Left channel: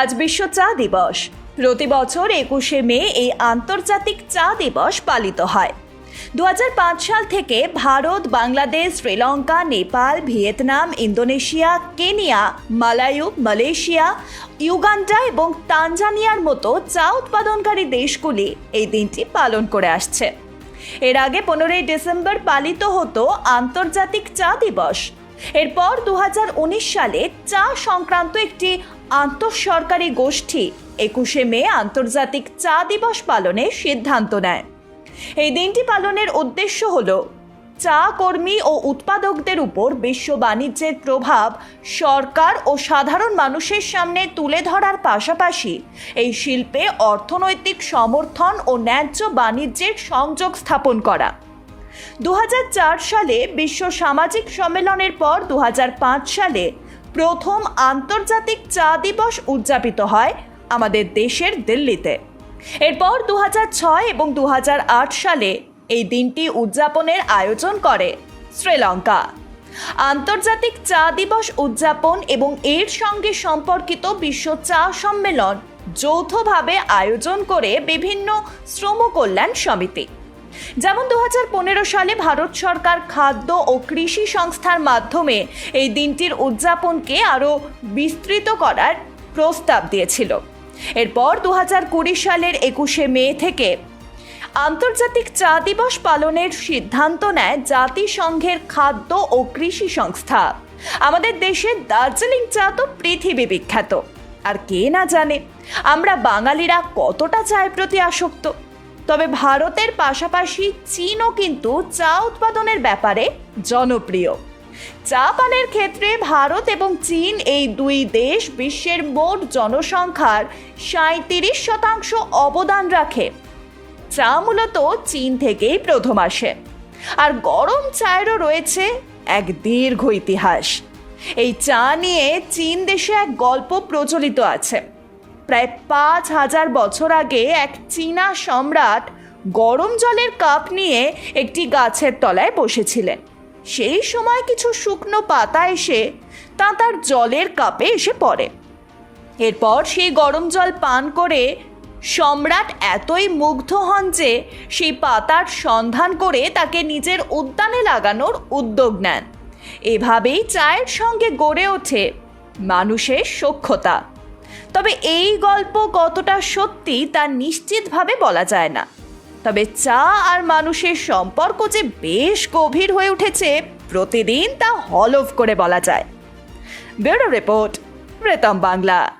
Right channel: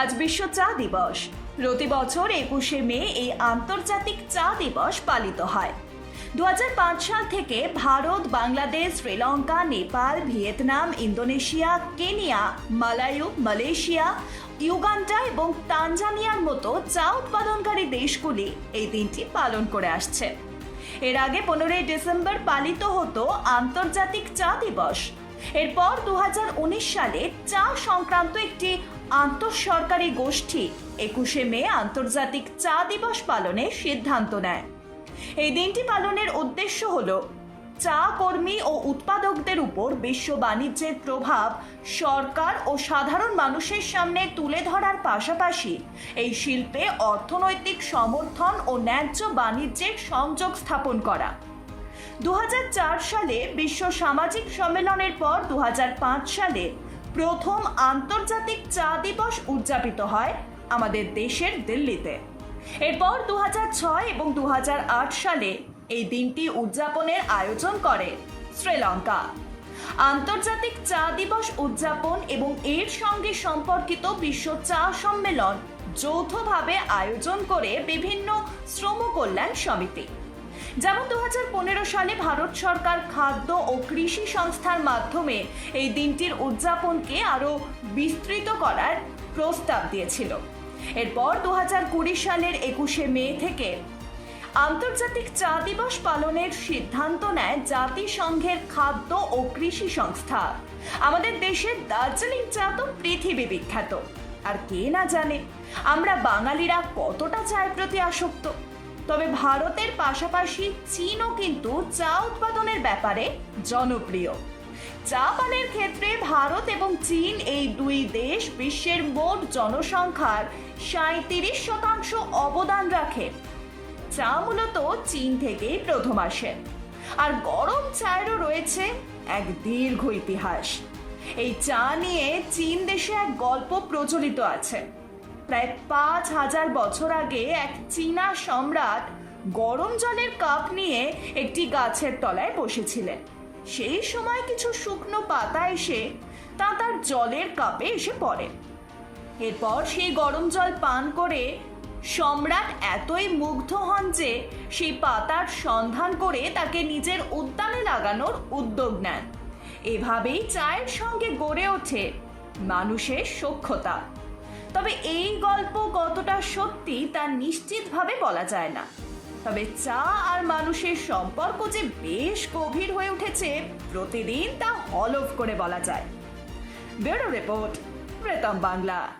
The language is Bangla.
আজ বিশ্ব চা দিবস। প্রতি বছর একুশে মে এই আন্তর্জাতিক চা দিবস পালিত হয়। দু হাজার পাঁচ সাল থেকে Bharat, Bangladesh, Sri Lanka, Nepal, Vietnam, Indonesia, Kenya, Melayu, Malaysia, Uganda এবং তানজানিয়ার মতো চা উৎপাদনকারী দেশগুলি এই দিনটি পালন করে আসছে। এর আগে পনেরোই ডিসেম্বর পালিত হতো আন্তর্জাতিক চা দিবস। এরপর দু হাজার উনিশ সালে চা সংক্রান্ত একটি আন্তঃসরকারি গোষ্ঠী একুশে মে আন্তর্জাতিক চা দিবস পালনের সিদ্ধান্ত নেয়। এই দিনটি পালনের উদ্দেশ্য হল, চা কর্মী ও উৎপাদকদের উপর বিশ্ব বাণিজ্যের প্রভাব সরকার ও সাধারণ মানুষের সামনে তুলে ধরার পাশাপাশি এই শিল্পে অর্থনৈতিক সমর্থন ও ন্যায্য বাণিজ্যের সংযোগ স্থাপন করা। দু হাজার চার সালে বিশ্ব সামাজিক সম্মেলনের পর দু হাজার পাঁচ সালে প্রথম আন্তর্জাতিক চা দিবস উদযাপিত হয় আমাদের দেশের দিল্লিতে। এরপর দু ছয় এবং দু হাজার আট সালে এই দিনটি উদযাপনের আয়োজন করে শ্রীলঙ্কা। আন্তর্জাতিক চা দিবস উদযাপন এবং এর সঙ্গে সম্পর্কিত বিশ্ব চা সম্মেলন যৌথভাবে আয়োজন করে বিভিন্ন শ্রম কল্যাণ সমিতি। যেমন দু হাজার পনেরো সালে ভারত সরকার খাদ্য ও কৃষি সংস্থার মাধ্যমে এই দিনটির উদযাপনকে আরও বিস্তৃত করার প্রস্তাব দিয়েছিল। এরপর দু হাজার কুড়ি সালের একুশে মে থেকে আন্তর্জাতিক চা দিবস পালনের সিদ্ধান্ত নেয় জাতিসংঘের খাদ্য ও কৃষি সংস্থা। আমাদের দেশের দার্জিলিং চা তো পৃথিবী বিখ্যাত। আর কে না জানে, আমরা বাঙালিরা কতটা চায়ের প্রতি আসক্ত? তবে ভারতের পাশাপাশি চীনও কিন্তু চা উৎপাদনের ব্যাপারে জনপ্রিয়। চা পানের ক্ষেত্রে ভারত এবং চীন এই দুই দেশ বিশ্বের মোট জনসংখ্যার সাঁত্রিশ শতাংশ অবদান রাখে। চা মূলত চীন থেকেই প্রথম আসে। আর গরম চায়েরও রয়েছে এক দীর্ঘ ইতিহাস। এই চা নিয়ে চীন দেশে এক গল্প প্রচলিত আছে। প্রায় পাঁচ হাজার বছর আগে এক চীনা সম্রাট গরম জলের কাপ নিয়ে একটি গাছের তলায় বসেছিলেন। সেই সময় কিছু শুকনো পাতা এসে তা তার জলের কাপে এসে পড়ে। এরপর সেই গরম জল পান করে সম্রাট এতই মুগ্ধ হন যে সেই পাতার সন্ধান করে তাকে নিজের উদ্যানে লাগানোর উদ্যোগ নেন। এভাবেই চায়ের সঙ্গে গড়ে ওঠে মানুষের সক্ষতা তবে এই গল্প কতটা সত্যি তা নিশ্চিতভাবে বলা যায় না। তবে চা আর মানুষের সম্পর্ক যে বেশ গভীর হয়ে উঠেছে, প্রতিদিন তা হলফ করে বলা যায়। Bureau report, Pretam Bangla.